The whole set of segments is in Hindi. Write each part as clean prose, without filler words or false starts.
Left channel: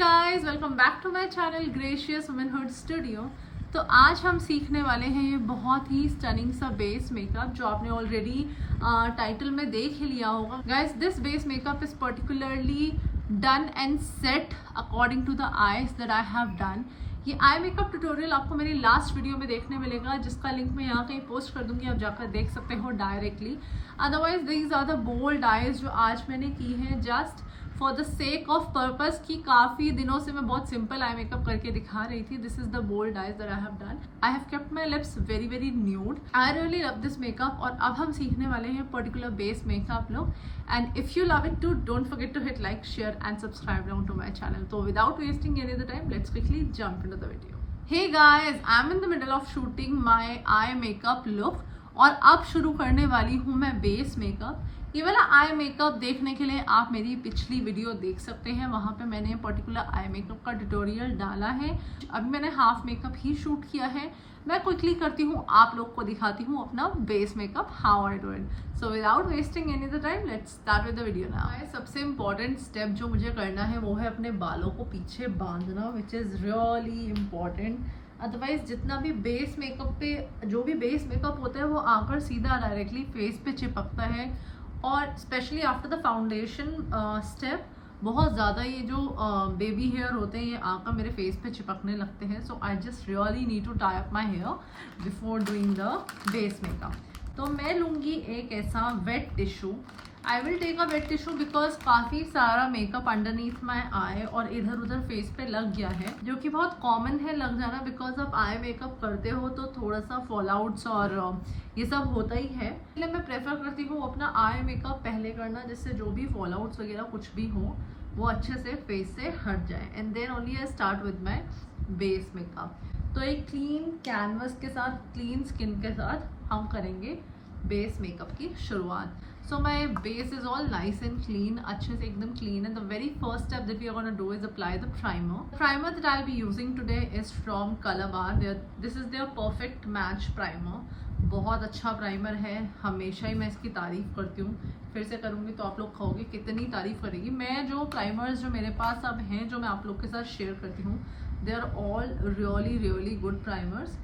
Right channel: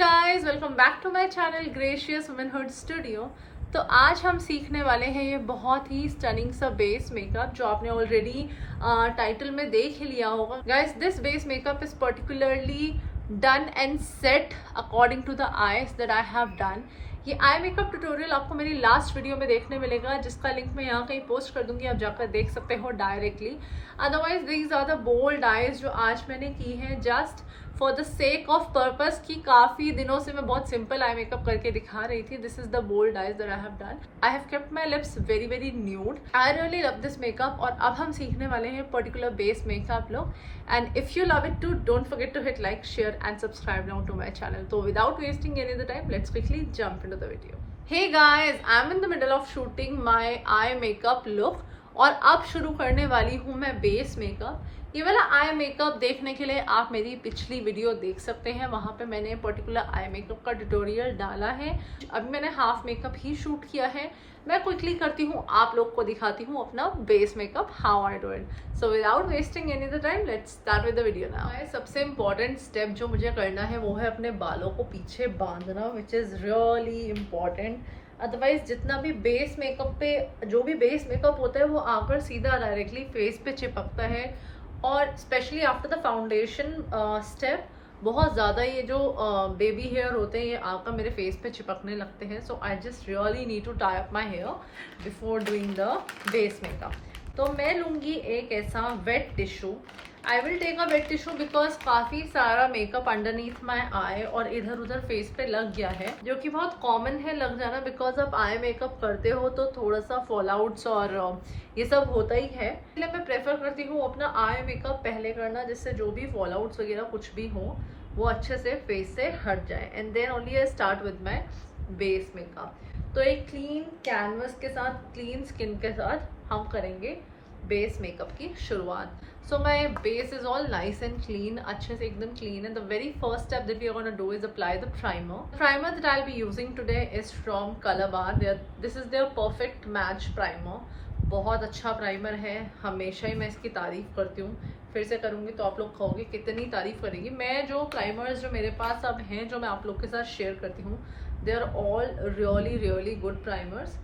Guys, welcome back to my channel Gracious Womanhood Studio. तो आज हम सीखने वाले हैं ये बहुत ही स्टनिंग सा बेस मेकअप जो आपने ऑलरेडी टाइटल में देख ही लिया होगा। Guys, this base makeup is particularly done and set according to the eyes that I have done. ये आई मेकअप ट्यूटोरियल आपको मेरी लास्ट वीडियो में देखने मिलेगा, जिसका लिंक मैं यहाँ कहीं पोस्ट कर दूंगी, आप जाकर देख सकते हो directly. Otherwise these are the bold eyes जो आज मैंने की हैं just for the sake of purpose कि काफ़ी दिनों से मैं बहुत सिंपल आई मेकअप करके दिखा रही थी। This is the bold eyes that I have done. I have kept my lips very very nude. I really love this makeup. और अब हम सीखने वाले हैं particular base makeup look. And if you love it too, don't forget to hit like, share and subscribe down to my channel. तो without wasting any the time, let's quickly jump into the video. Hey guys, I'm in the middle of shooting my eye makeup look और अब शुरू करने वाली हूँ मैं बेस मेकअप। ये वाला आई मेकअप देखने के लिए आप मेरी पिछली वीडियो देख सकते हैं, वहाँ पे मैंने पर्टिकुलर आई मेकअप का ट्यूटोरियल डाला है। अभी मैंने हाफ मेकअप ही शूट किया है। मैं क्विकली करती हूँ, आप लोग को दिखाती हूँ अपना base makeup how I do it. So without wasting any the time, let's start with the video now. सबसे इम्पॉर्टेंट स्टेप जो मुझे करना है वो है अपने बालों को पीछे बांधना, which is really important. Otherwise जितना भी बेस मेकअप पे जो भी बेस मेकअप होता है वो आकर सीधा डायरेक्टली फेस पे चिपकता है, और specially after the foundation step बहुत ज़्यादा ये जो बेबी हेयर होते हैं ये आकर मेरे फेस पे चिपकने लगते हैं। So I just really need to tie up my hair before doing the base makeup. तो मैं लूँगी एक ऐसा wet tissue. I will take a wet tissue because काफ़ी सारा मेकअप अंडरनीथ माई आई और इधर उधर फेस पे लग गया है, जो कि बहुत कॉमन है लग जाना, बिकॉज आप आई मेकअप करते हो तो थोड़ा सा फॉल आउट्स और ये सब होता ही है। इसलिए मैं प्रेफर करती हूँ अपना आई मेकअप पहले करना, जिससे जो भी फॉल आउट्स वगैरह कुछ भी हो वो अच्छे से फेस से हट जाए। And then only I start with my base makeup. तो एक क्लीन कैनवस के साथ, क्लीन स्किन के साथ हम करेंगे बेस मेकअप की शुरुआत। So my base is all nice and clean, अच्छे से एकदम क्लीन है। The very first step that we are gonna do is apply the primer. Primer that I will be using today is from Colorbar. This is their perfect match primer. बहुत अच्छा प्राइमर है, हमेशा ही मैं इसकी तारीफ करती हूँ। फिर से करूँगी तो आप लोग कहोगे कितनी तारीफ करेगी। मैं जो प्राइमर्स जो मेरे पास अब हैं जो मैं आप लोग के साथ शेयर करती हूँ, they are all really really good primers.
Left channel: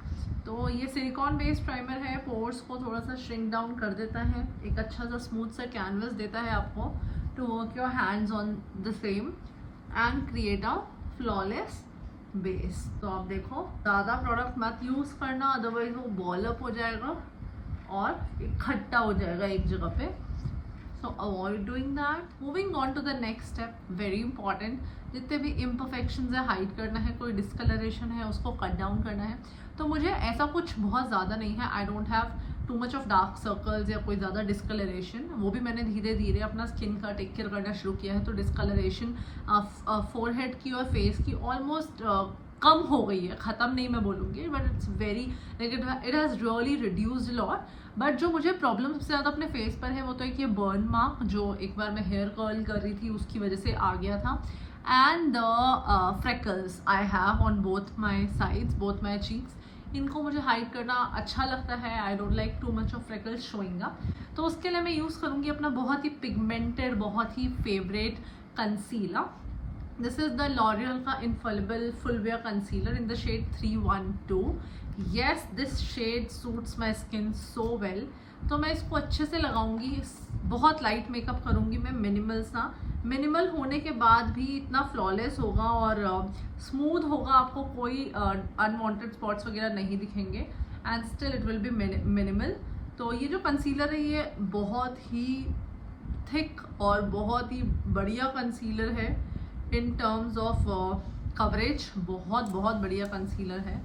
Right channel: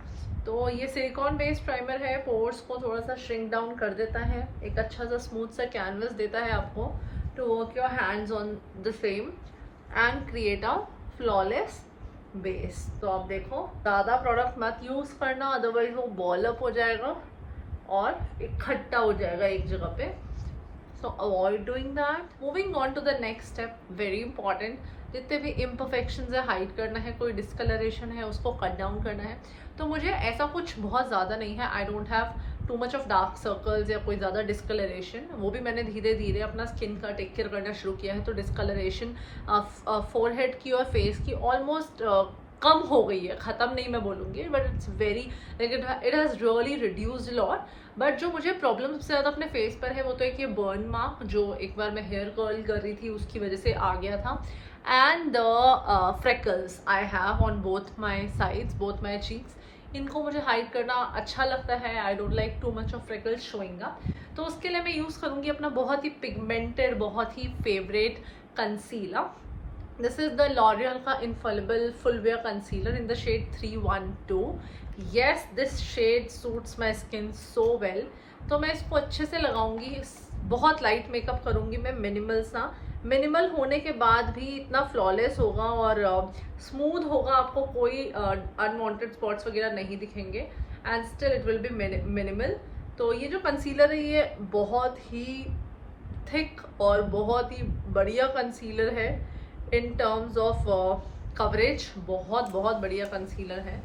तो ये सिलिकॉन बेस्ड प्राइमर है, पोर्स को थोड़ा सा श्रिंक डाउन कर देता है, एक अच्छा सा स्मूथ सा कैनवस देता है आपको to work your hands on the same and create a flawless base. तो आप देखो, ज़्यादा प्रोडक्ट मत यूज़ करना, अदरवाइज वो बॉल अप हो जाएगा और इकट्ठा हो जाएगा एक जगह पे। So avoid doing that. Moving on to the next step, very important. जितने भी इम्परफेक्शंस है हाइड करना है, कोई डिस्कलरेशन है उसको कट डाउन करना है। तो मुझे ऐसा कुछ बहुत ज़्यादा नहीं है, I don't have too much of dark circles या कोई ज़्यादा डिस्कलरेशन। वो भी मैंने धीरे धीरे अपना स्किन का टेक केयर करना शुरू किया है, तो डिस्कलरेशन फोरहेड की और फेस की ऑलमोस्ट कम हो गई है। ख़त्म नहीं मैं बोलूँगी, but it's very like it has really reduced lot. But जो मुझे प्रॉब्लम सबसे ज़्यादा अपने फेस पर है वो तो एक ये बर्न मार्क जो एक बार मैं हेयर कर्ल कर रही थी उसकी वजह से आ गया था, and the freckles I have on both my sides, both my cheeks. इनको मुझे हाइड करना अच्छा लगता है। I don't like too much of freckles showing up. तो उसके लिए मैं यूज़ करूँगी अपना बहुत ही पिगमेंटेड, बहुत ही favourite concealer. This is the L'Oreal का infallible full wear concealer in the shade 312। Yes, this shade suits my skin so well. तो मैं इसको अच्छे से लगाऊंगी, बहुत लाइट मेकअप करूंगी मैं, मिनिमल सा। मिनिमल होने के बाद भी इतना फ्लॉलेस होगा और स्मूथ होगा, आपको कोई अनवांटेड स्पॉट्स वगैरह नहीं दिखेंगे, and still it will be minimal. तो ये जो कंसीलर है ये बहुत ही थिक और बहुत ही बढ़िया कंसीलर है इन टर्म्स ऑफ कवरेज। बहुत बहुत बढ़िया कंसीलर है।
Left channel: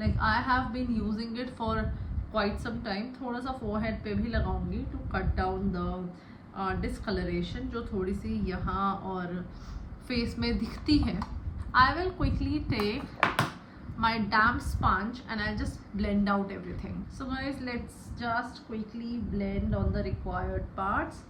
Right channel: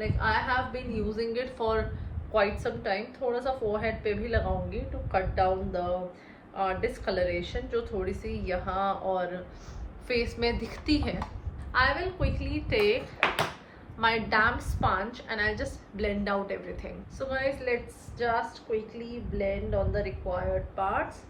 Like I have been using it for quite some time. थोड़ा सा फोरहेड पे भी लगाऊंगी to cut down the discolouration जो थोड़ी सी यहाँ और फेस में दिखती है। I will quickly take my damp sponge and I just blend out everything. So guys, let's just quickly blend on the required parts.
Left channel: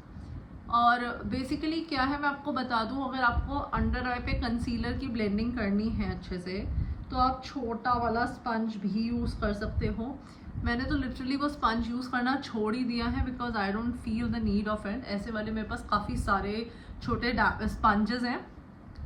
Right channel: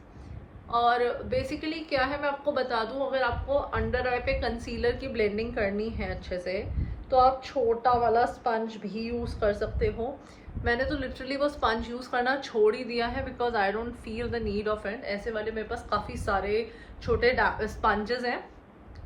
और बेसिकली क्या है मैं आपको बता दूं, अगर आपको अंडर आई पे कंसीलर की ब्लेंडिंग करनी है अच्छे से तो आप छोटा वाला स्पंज भी यूज़ कर सकते हो। मैंने तो लिटरली वो स्पंज यूज़ करना छोड़ ही दिया है because I don't feel the need of it. ऐसे वाले मेरे पास काफ़ी सारे छोटे स्पंजेस हैं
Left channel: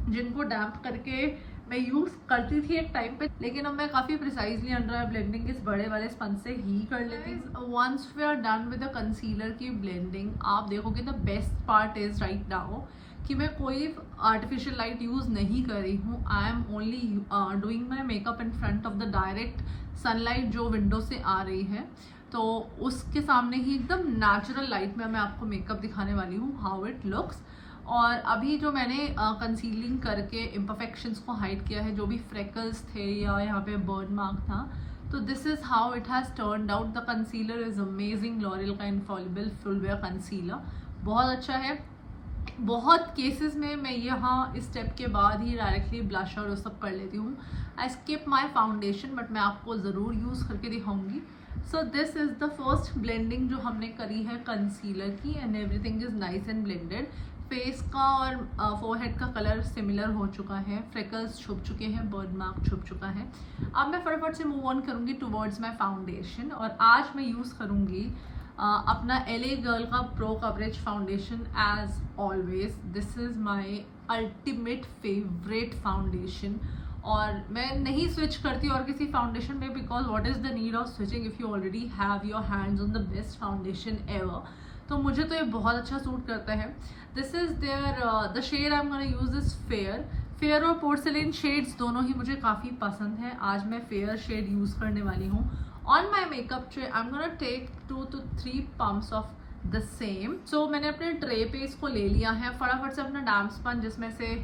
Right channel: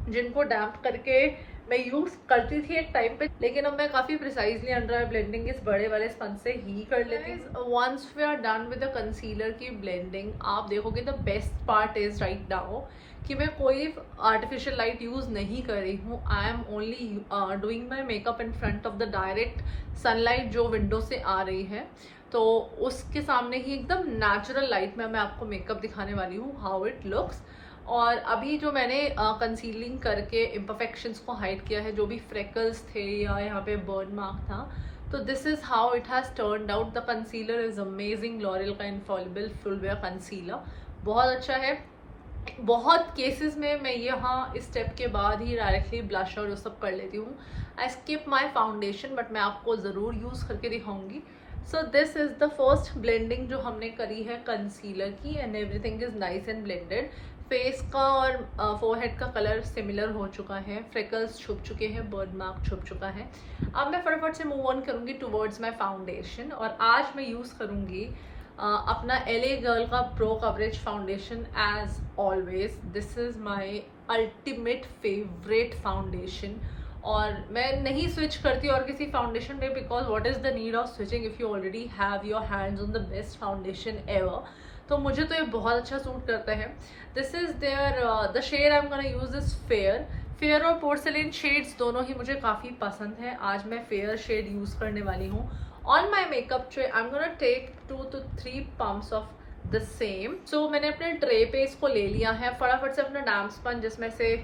जिनको डैम्प करके मैं यूज़ करती थी एक टाइम पे, लेकिन अब मैं काफ़ी प्रिसाइजली अंडर आई ब्लेंडिंग इस बड़े वाले स्पंज से ही कर लेती हूँ। Once we are done with the concealer की ब्लेंडिंग, आप देखोगे the best part is right now कि मैं कोई आर्टिफिशियल लाइट यूज़ नहीं कर रही हूँ। I am only doing my makeup in front of the direct sunlight जो विंडो से आ रही है, तो उसके सामने ही एकदम नेचुरल लाइट में मैं आपको मेकअप दिखाने वाली हूँ हाउ इट लुक्स। और अभी जो मैंने कंसीलिंग करके इम्परफेक्शंस को हाइड किया है, जो भी फ्रेकल्स थे या यहाँ पे बर्न मार्क था, तो this is how it has turned out. The concealer is amazing, L'Oréal का इनफॉलिबल फुल वेयर कंसीलर बहुत अच्छा है। बहुत केसेस में मैं यहाँ इस स्टेप के बाद ही डायरेक्टली ब्लश और वो सब कर लेती हूँ। I skip my foundation, but मैं आपको ज़रूर यूज़ करके दिखाऊंगी। So this is the first blending जो हमने करी है कंसीलर की, and everything is nice and blended. Face का और फोरहेड का कलर सिमिलर हो चुका है, फ्रेकल्स छुप चुके हैं, बर्न मार्क छुप चुका है। अब मैं फटाफट से मूव ऑन करूँगी टुवर्ड्स माई फाउंडेशन, और आज मैं यूज़ करूँगी अपना LA गर्ल का pro coverage foundation. As always this is my ultimate favourite foundation, और मैं नहीं स्विच करती और किसी फाउंडेशन में, because what is the need of switching if you already have your hands on the best foundation ever. तो मुझे तो ये बहुत अच्छा सूट करता है। This is there the shade I am gonna use is fair और पोर्सिलिन शेड्स दोनों ही मुझे काफ़ी पसंद है। आज मैं फेयर शेड यूज़ करने वाली हूँ। On my makeup tray I am gonna take 2 to 3 pumps of the same. So मैंने अपने ट्रे पे इसको ले लिया है, फटाफट से अपना डैम्प स्पंज जिसमें से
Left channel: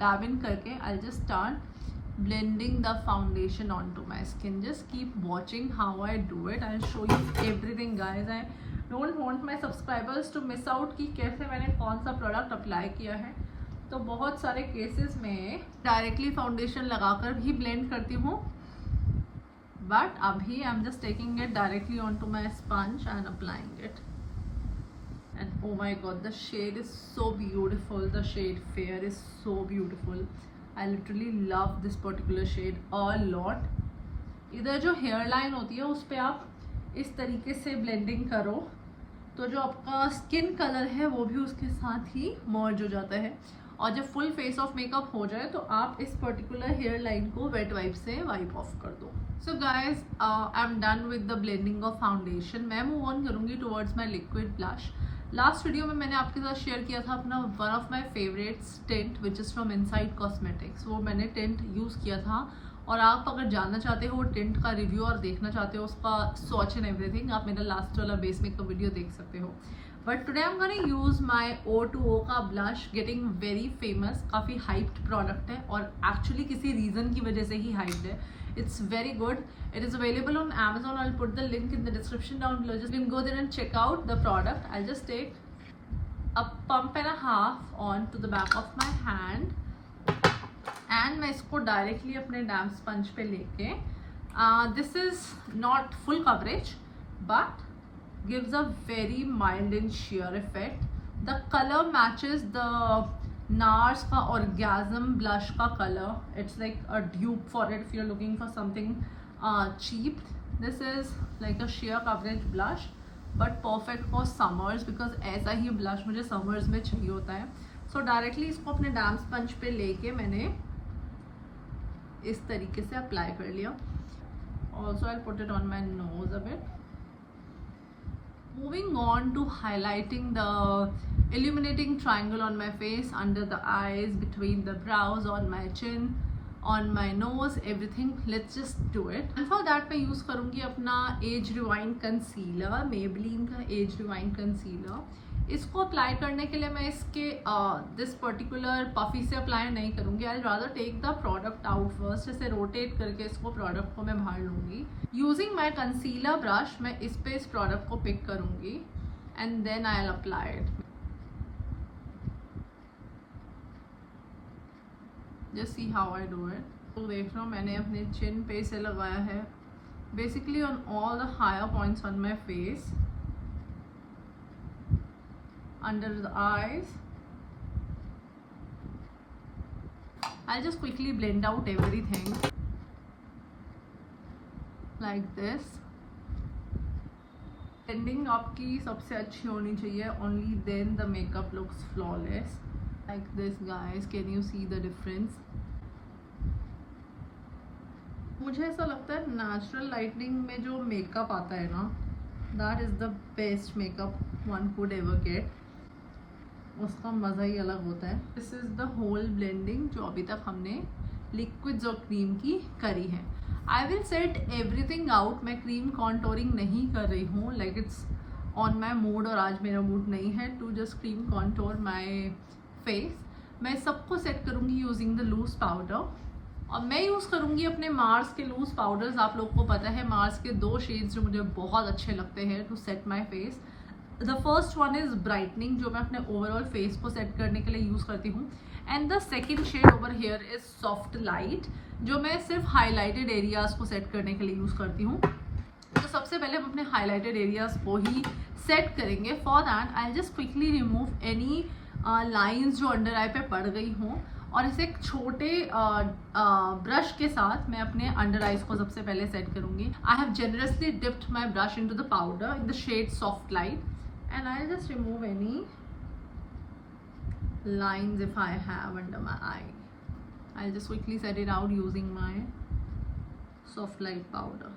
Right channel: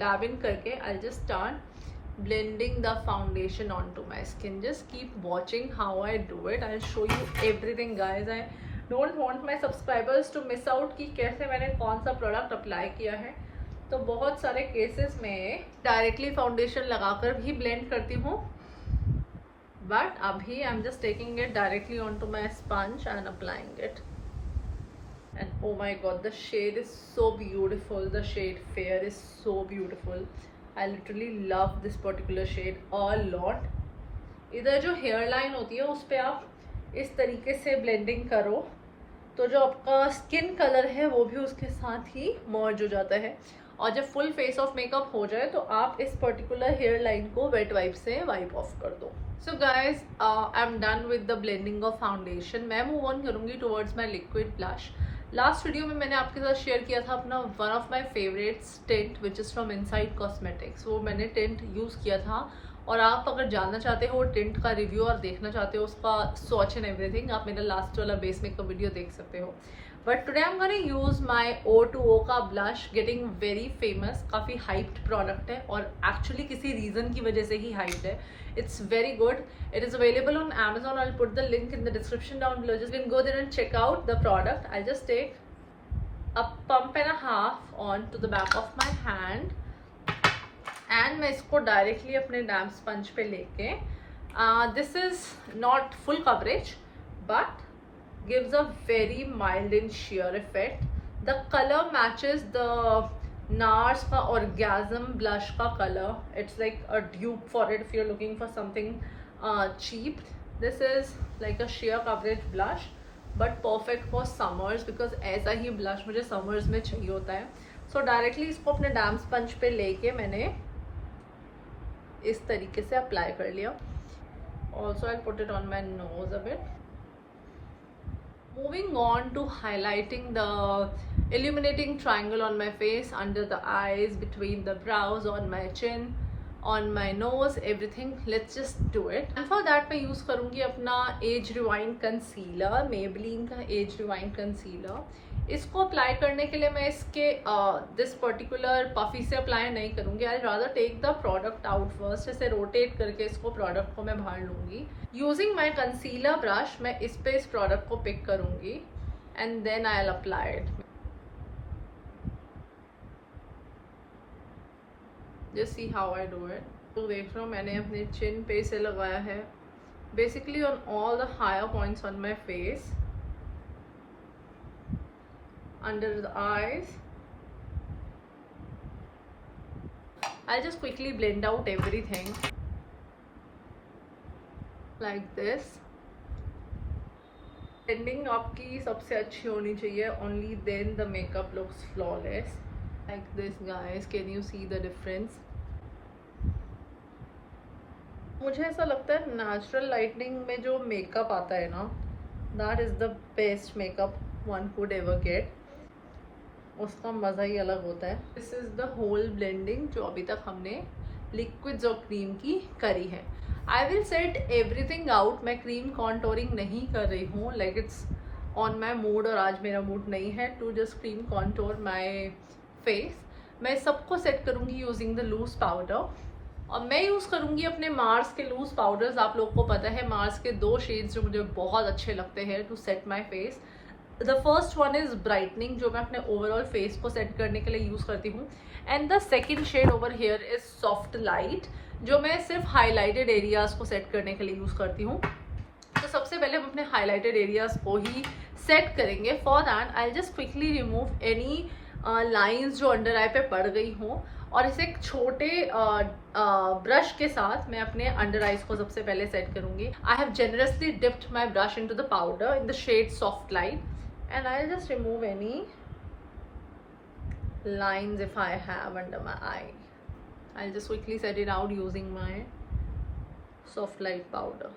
dab in करके I just start blending the foundation onto my skin. Just keep watching how I do it. I'll show you everything guys. I don't want my subscribers to miss out कि कैसे मैंने कौन सा प्रोडक्ट अप्लाई किया है। तो बहुत सारे केसेस में डायरेक्टली फाउंडेशन लगाकर भी ब्लेंड करती हूँ, बट अभी I am just taking it directly on to my sponge and applying it. And oh my god, the shade is so beautiful. The shade fair is so beautiful. I literally love this particular shade a lot. इधर जो हेयर लाइन होती है उस पर आप इस तरीके से ब्लेंडिंग करो तो जो आपका स्किन कलर है वो भी उसके साथ ही मर्ज हो जाता है, और जब फुल फेस ऑफ मेकअप हो जाए तो आप इस पर्टिकुलर हेयर लाइन को वेट वाइप से वाइप ऑफ कर दो। So guys I am done with the blending of foundation. मैं मूव ऑन करूँगी टुवर्ड्स माई लिक्विड ब्लश। लास्ट वीडियो में मैंने आपके साथ शेयर किया था अपना one of my favourites tint which is from inside cosmetics. वो मैंने टिंट यूज़ किया था, और आप अगर जानना चाहते हो टिंट का रिव्यू और देखना चाहते हो उसका स्वॉच एंड एवरीथिंग, आप मेरा लास्ट वाला बेस मेकअप वीडियो देख सकते हो। But today I am gonna use my O2O का ब्लश, गेटिंग वेरी फेमस। काफ़ी हाइप्ड प्रोडक्ट है और एक्चुअली किसी रीज़न की वजह से ही हाइप्ड है। It's very good. It is available on Amazon. I'll put the link in the description down below. Just go there and check out the product. I'll just take a pump and a half on to the back of my hand, and मैं इसको डायरेक्टली अपने डैम्प स्पंज पे लेके, this is not full coverage but gives a very mild and sheer effect. The color matches the NARS का Orgasm blush का color. It's like a dupe for it if you're looking for something cheap. This is like a sheer coverage blush but perfect for summers because ऐसा ही blush मुझे summers में चाहिए होता है. So directly इसको अपने डैम्प स्पंज पे लेके मैंने इस तरीके से अप्लाई कर लिया. Also I'll put it on my nose a bit. Moving on to highlighting the illuminating triangle on my face, under the eyes, between the brows, on my chin, on my nose, everything. Let's just do it. And for that मैं use करूँगी अपना Age Rewind Concealer, Maybelline का Age Rewind Concealer. इसको अप्लाई करने के लिए मैं इसके दिस पर्टिकुलर पफी से अप्लाई नहीं करूँगी. I rather take the product out first. ऐसे रोटेट करके इसको प्रोडक्ट को मैं बाहर लूँगी. यूजिंग माई कंसीलर ब्रश मैं इस पे इस प्रोडक्ट को पिक करूँगी and then I will apply it. Just see how I do it. तो देख रहे हो मैंने अपने चिन पे इसे लगाया है, basically on all the higher points on my face, under the eyes. I'll just quickly blend out everything like this. Blending आपकी सबसे अच्छी होनी चाहिए, only then the makeup looks flawless. Like this guys, can you see the difference? मुझे ऐसा लगता है नेचुरल लाइटनिंग में जो मेकअप आता है ना, that is the best makeup one could ever get. उसका मज़ा ही अलग होता है. This is the whole blending जो अभी तक हमने लिक्विड्स और क्रीम की करी है. I will set everything out. मैं क्रीम कॉन्टोरिंग नहीं कर रही हूँ, like it's on my mood, और आज मेरा मूड नहीं है to just cream contour my face. मैं सबको सेट करूँगी यूजिंग द लूज पाउडर, और मैं यूज़ करूँगी अपने मार्स के लूज पाउडर्स. आप लोग को पता है मार्स के 2 शेड्स जो मुझे बहुत अच्छे लगते हैं to set my face. The first one is brightening, जो मैं अपने ओवरऑल फेस को सेट करने के लिए यूज़ करती हूँ. And the second shade over here is soft light, जो मैं सिर्फ हाईलाइटेड एरियाज़ को सेट करने के लिए यूज़ करती हूँ. तो सबसे पहले हम अपने हाईलाइटेड एरियाज़ को ही सेट करेंगे. For that I just quickly remove any lines जो अंडर आई पे पड़ गई हों, और इसे एक छोटे ब्रश के साथ मैं अपने अंडर आइज को सबसे पहले सेट करूँगी. I have generously dipped my brush in to the powder in the shade soft light, and I'll just remove any lines if I have under my eye. I'll just quickly set it out using my soft light powder.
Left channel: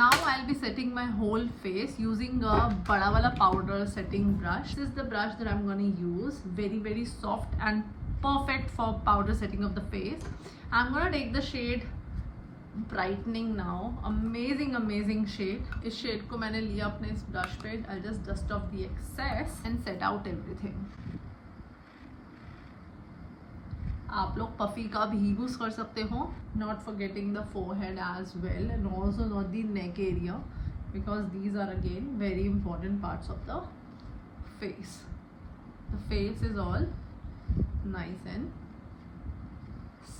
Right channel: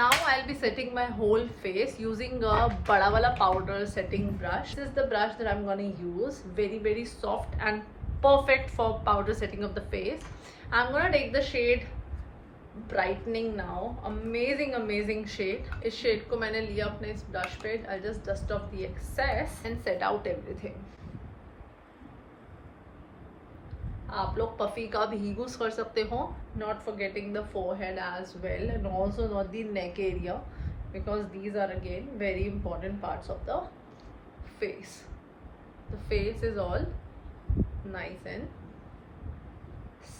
Now I'll be setting my whole face using a bada wala powder setting brush. This is the brush that I'm gonna use. Very soft and perfect for powder setting of the face. I'm gonna take the shade brightening now. Amazing shade. इस शेड को मैंने लिया अपने इस ब्रश पे. I just dust off the excess and set out everything. आप लोग पफी का भी यूज कर सकते हो, not forgetting the forehead as well, and also not the neck area, because these are again very important parts of the face. The face is all nice and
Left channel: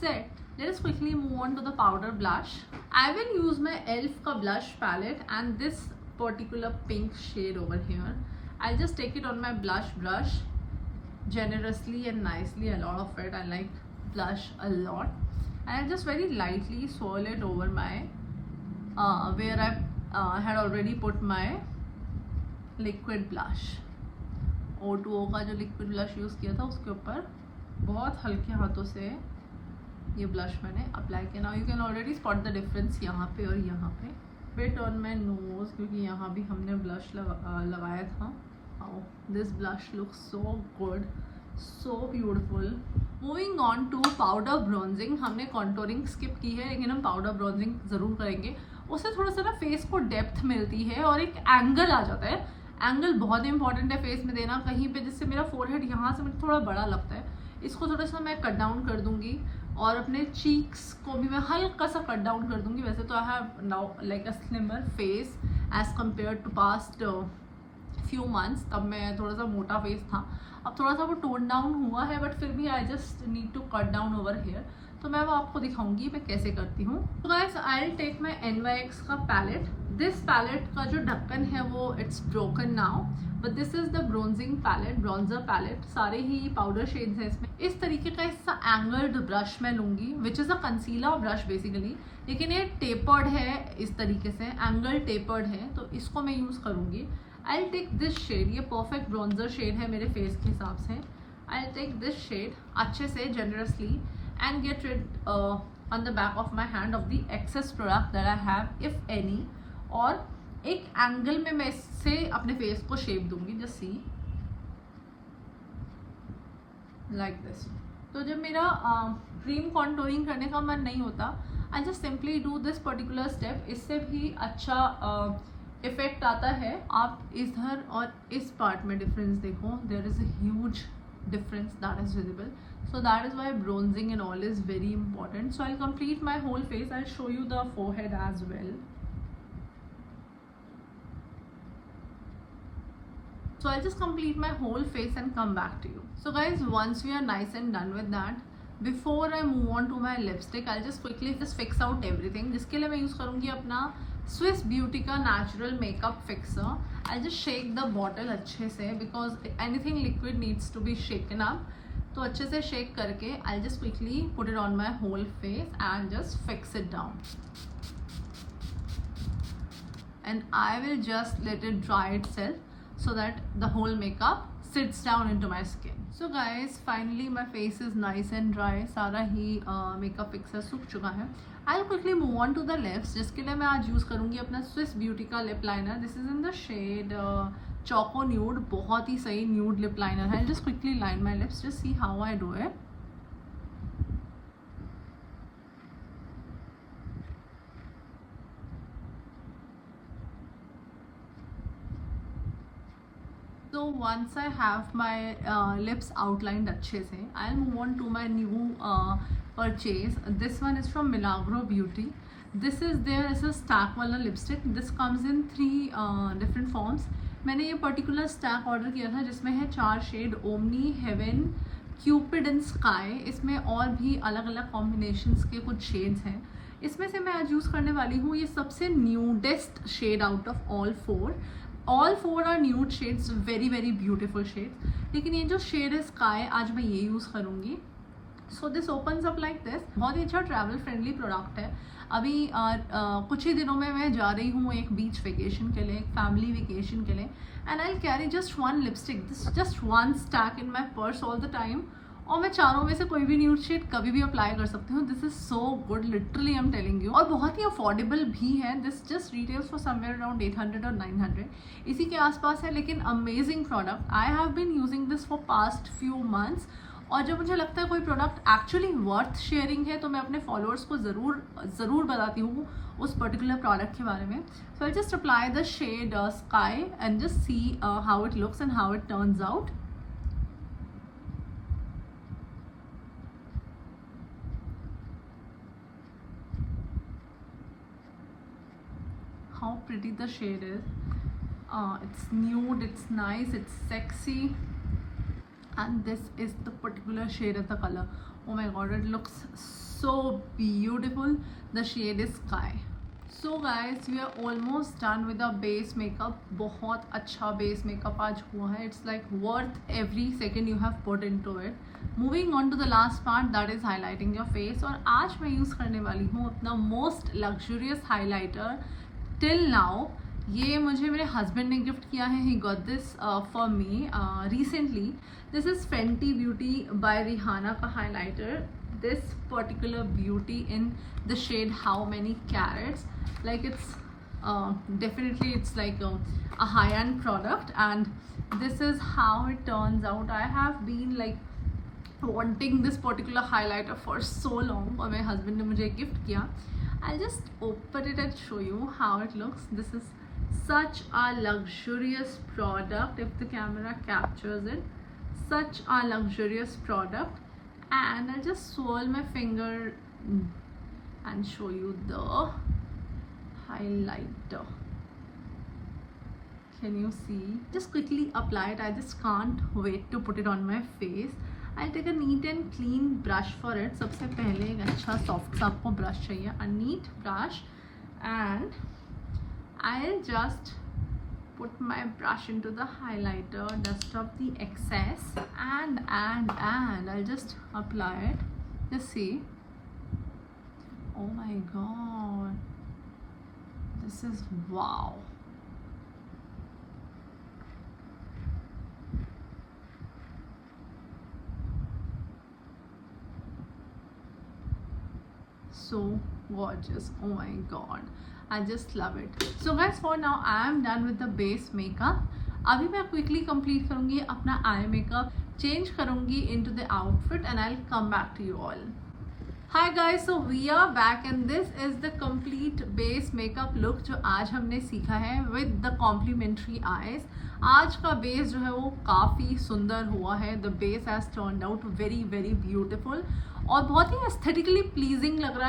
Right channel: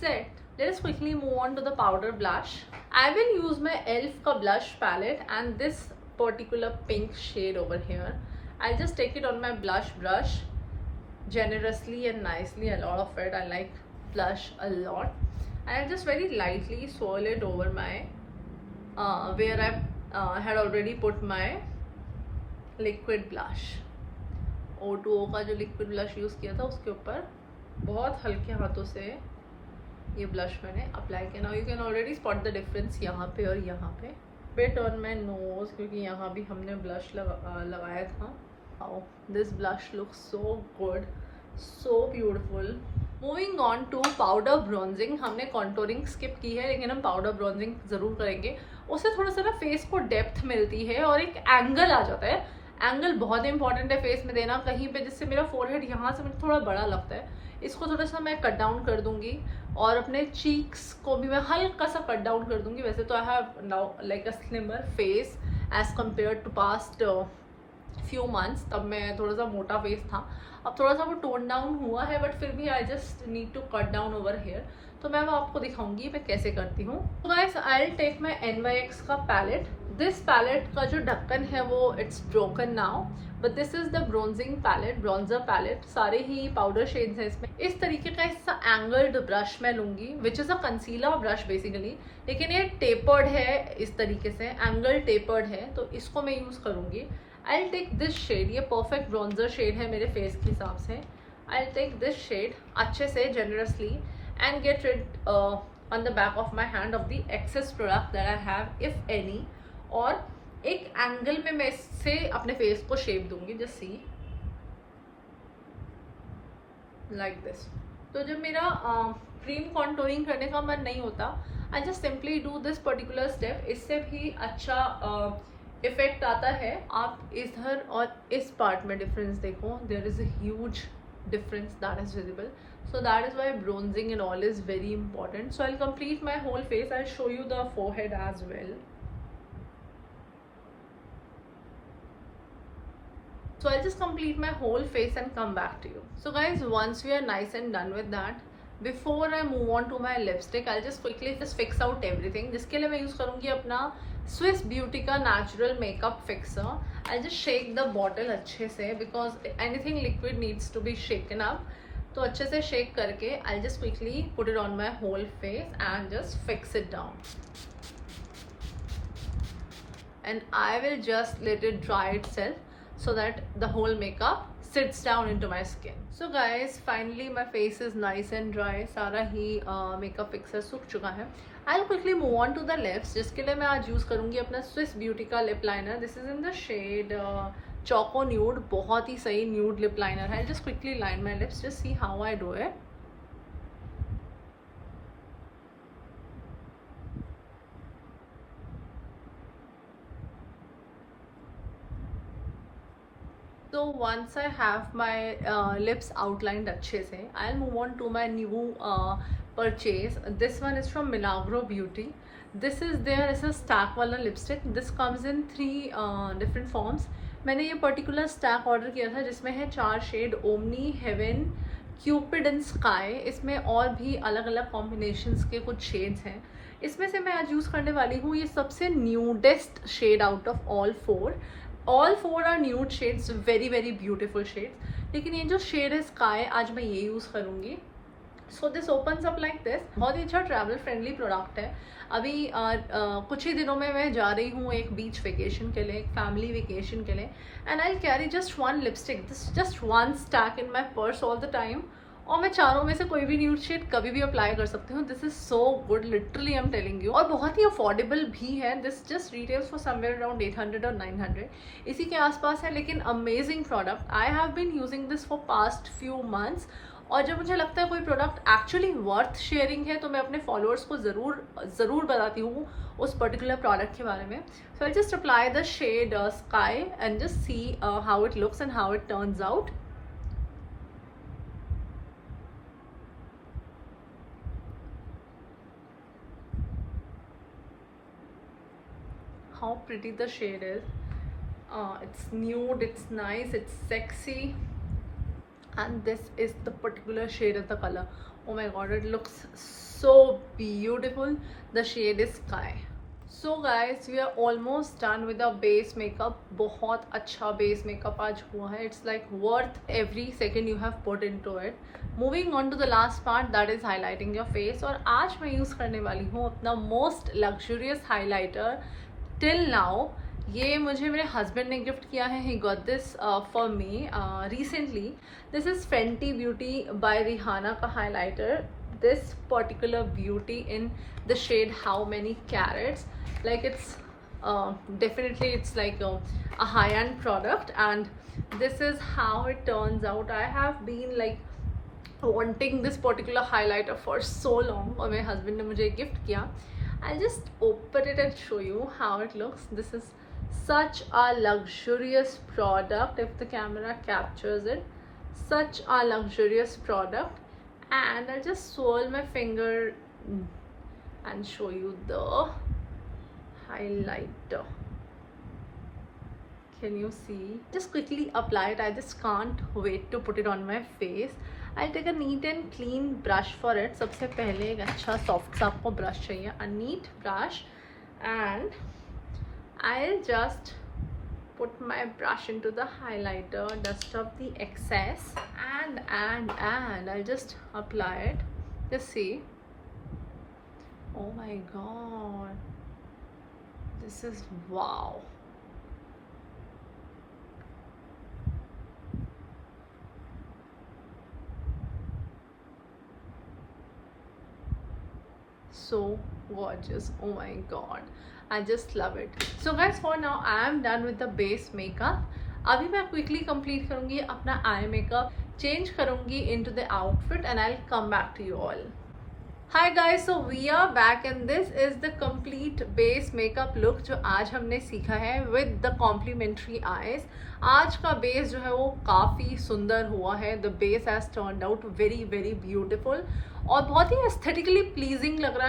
set. Let us quickly move on to the powder blush. I will use my ELF ka blush palette and this particular pink shade over here. I'll just take it on my blush brush generously and nicely. A lot of it. I like blush a lot, and I'll just very lightly swirl it over my where I had already put my liquid blush. O2O का जो liquid blush यूज़ किया था उसके ऊपर बहुत हल्के हाथों से ये ब्लश मैंने अप्लाई किया. Now you can already spot the difference यहाँ पे और यहाँ पे. बिट ऑन माई नोज, क्योंकि यहाँ भी हमने ब्लश लगाया था. How this blush looks so good, so beautiful. Moving on to powder bronzing. हमने कॉन्टोरिंग स्किप की है, लेकिन हम पाउडर ब्रॉन्जिंग ज़रूर करेंगे. उससे थोड़ा सा ना फेस को डेप्थ मिलती है और एक एंगल आ जाता है. एंगल बहुत इंपॉर्टेंट है फेस में देना कहीं पे, जिससे मेरा फोरहेड यहाँ से मुझे थोड़ा बड़ा लगता है. इसको थोड़ा सा मैं कट डाउन कर दूंगी, और अपने चीक्स को भी मैं हल्का सा कट डाउन कर दूंगी. वैसे तो I have now like a slimmer face as compare to past few months. तब मैं थोड़ा सा मोटा फेस था, अब थोड़ा सा वो टोन डाउन हुआ है, बट फिर भी I just need to cut down over here. तो मैं वो आपको दिखाऊंगी मैं कैसे करती हूँ. तो guys I will take my NYX का पैलेट. दिस पैलेट का जो ढक्कन है वो it's broken now, but this is the bronzing palette, bronzer palette. सारे ही पाउडर शेड्स हैं इसमें. इस तरीके का इसका एंगल्ड ब्रश मैं लूँगी, which is a concealer brush basically, लेकिन ये टेपर्ड है इस तरीके से, एंगल टेपर्ड है, तो इसको मैं यूज़ करूँगी. I will take this shade. ये परफेक्ट ब्रॉन्जर शेड है मेरे फेस के हिसाब से. I will take this shade अच्छे से generously and get rid on the back of my hand of the excess product that I have if any, और एक एंगल में मैं इससे अपने फेस को शेप दूंगी. Just see like this. तो जब मेरा क्रीम कॉन्टोरिंग करने का मन नहीं होता, I just simply do this particular step. इससे भी अच्छा इफेक्ट आता है. आप इधर और इस पार्ट में डिफरेंस देखो, there is a huge difference that is visible. So that is why bronzing and all is very important. So I'll complete my whole face. I'll show you the forehead as well. So I'll just complete my whole face and come back to you. So guys, once we are nice and done with that, before I move on to my lipstick, I'll just quickly just fix out everything. जिसके लिए मैं यूज़ करूँगी अपना Swiss Beauty का natural makeup fixer. I'll just shake the bottle अच्छे से because anything liquid needs to be shaken up. तो अच्छे से shake करके I'll just quickly put it on my whole face and just fix it down. And I will just let it dry itself. so that the whole makeup sits down into my skin. So guys, finally my face is nice and dry. सारा ही makeup fixer सूख चुका है. I'll quickly move on to the lips, जिसके लिए मैं आज यूज़ करूँगी अपना Swiss Beauty का lip liner. This is in the shade Choco Nude. बहुत ही सही nude lip liner है. I'll just quickly line my lips. Just see how I do it. So once I have my lips outlined अच्छे से, I'll move on to my new purchase. This one is from Milagro Beauty. This is their ऐसा stack वाला lipstick. This comes in 3 different forms. मैंने ये particular stack order किया था जिसमें है 4 shade Omni, Heaven, Cupid and Sky. इसमें और भी अलग अलग combinations के कुछ shades हैं. इसमें से मैं आज यूज़ करने वाली हूँ ये सबसे nudest shade out of all 4. All 4 are nude shades, very very beautiful shades. लेकिन ये जो शेड है स्काई, आज मैं ये यूज़ करूँगी. So this opens up like this. बहुत ही अच्छा ट्रैवल फ्रेंडली प्रोडक्ट है. अभी कुछ ही दिनों में मैं जा रही हूँ एक बीच वेकेशन के लिए, एक फैमिली वेकेशन के लिए. And I carry just 1 lipstick, this just 1 stack in my purse all the time. और मैं चारों में से कोई भी न्यूड शेड कभी भी अप्लाई कर सकती हूँ. This is so good, literally I am telling you. और बहुत ही अफोर्डेबल भी है. This just retails for somewhere around 800 और 900 इसी के आसपास है. लेकिन amazing product. I have been using this for past few months. और जब मुझे लगता है कोई प्रोडक्ट एक्चुअली वर्थ शेयरिंग है तो मैं अपने फॉलोअर्स को ज़रूर बताती हूँ उस पर्टिकुलर प्रोडक्ट के बारे में. So I just apply the shade sky and just see how it looks and how it turns out. How pretty the shade is. It's nude, it's nice, it's sexy, and this is the particular shade of the color. Oh my god, it looks so beautiful. The shade is Sky. So guys, we are almost done with the base makeup. बहुत अच्छा base makeup आज हुआ है. It's like worth every second you have put into it. Moving on to the last part, that is highlighting your face. और आज मैं यूज़ करने वाली हूँ अपना most luxurious highlighter till now. ये मुझे मेरे हस्बैंड ने गिफ्ट किया है. He got this for me recently. This is Fenty Beauty by Rihanna का highlighter. This particular beauty in the shade how many carats. Like it's definitely it's like a high end product and this is how it turns out. I have been like wanting this particular highlighter for so long. और मेरे हस्बैंड ने मुझे गिफ्ट किया. I'll just open it and show you how it looks. This is such a luxurious product, if the camera captures it. Such a luxurious product. And I'll just swirl my finger and show you the highlighter. Can you see? Just quickly apply it. I just can't wait to put it on my face. I'll take a neat and clean brush for it. सबसे पहले एक अच्छा सॉफ्ट सा आपको ब्रश चाहिए. A neat brush and I'll just put my brush into the highlighter, dust off the excess and I'll just apply it. Just see. Oh my god. This is wow. So gorgeous. Oh my god, I just love it. So guys, for now I am done with the base makeup. अभी मैं quickly complete करूँगी अपना eye makeup, change करूँगी into the outfit and I'll come back to you all. Hi guys, so we are back and this is the complete base makeup look जो आज हमने सीखा है with the complimentary eyes. आज का बेस जो है वो काफ़ी सुंदर हुआ है. The base has turned out very very beautiful और बहुत ही aesthetically pleasing लग रहा है.